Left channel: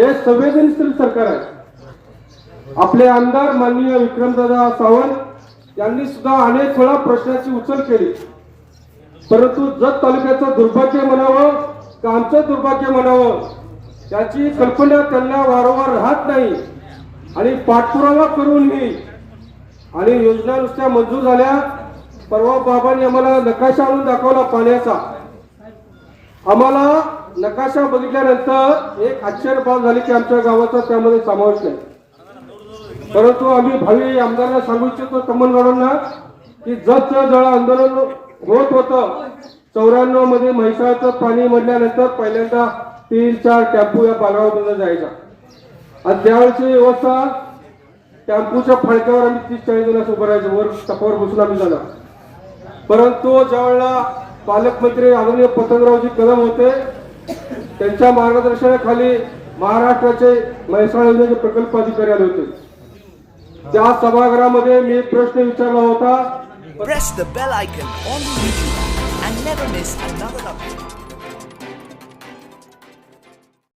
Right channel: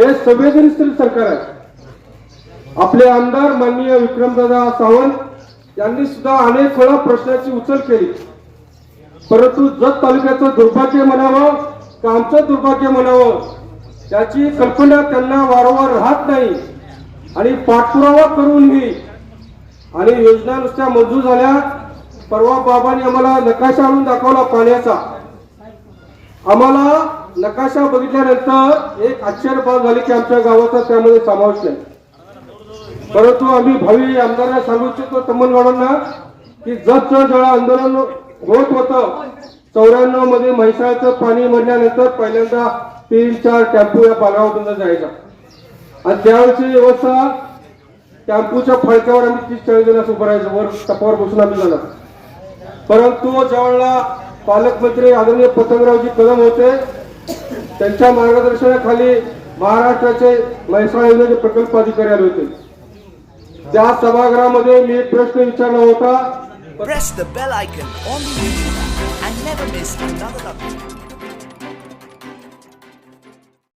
हे संवेदनशील सरकार आहे। आपले आमदार माननीय विक्रमदादा सावंत यांनी सुद्धा अनेक वेळा प्रश्नाची उचल केली, परंतु जत तालुक्याचं दुर्भाग्य म्हणावं का आमचं दुर्भाग्य म्हणावं याची कल्पना त्यांना वारंवार राहत नाही आणि पाठपुरावा करूनही आणि योजना नुसत्या मंजूर झाल्या। परवा बाबांनी आम्हाला नकाशा आणून दाखवला पाण्याचा, आम्हाला नकाशा बघितल्यानंतर एक आश्चर्यपात झाले की आमच्या गावाचा त्यामध्ये समावेश नाही। परंतु आम्ही भावी आमदारांना सांगू इच्छितो तमनगडांना की जत जळ आंदोलन होत होतं 94 मध्ये म्हैसाळचं पाणी म्हणल्यानंतर पहिल्यांदा 3-4 टेम्पो या बागावरून जायचा आणि त्यावेळची व्यवस्था टेम्पोच्या फळक्यावर आम्ही 30-40 जण उभं राहायचं, वर टपावर बसून आम्ही जाणार। परंतु ज्यावेळेला पालकमंत्री आदरणीय पतंगरावजी कदम होते त्यांच्या मार्गदर्शनाखाली महाराष्ट्राचे म्हैसाळ योजनेचे प्रकल्प अधिकारी आले होते। त्या सभागृहामध्ये मी प्रश्न विचारला होता। Press the bell icon on the YouTube app and never miss another update.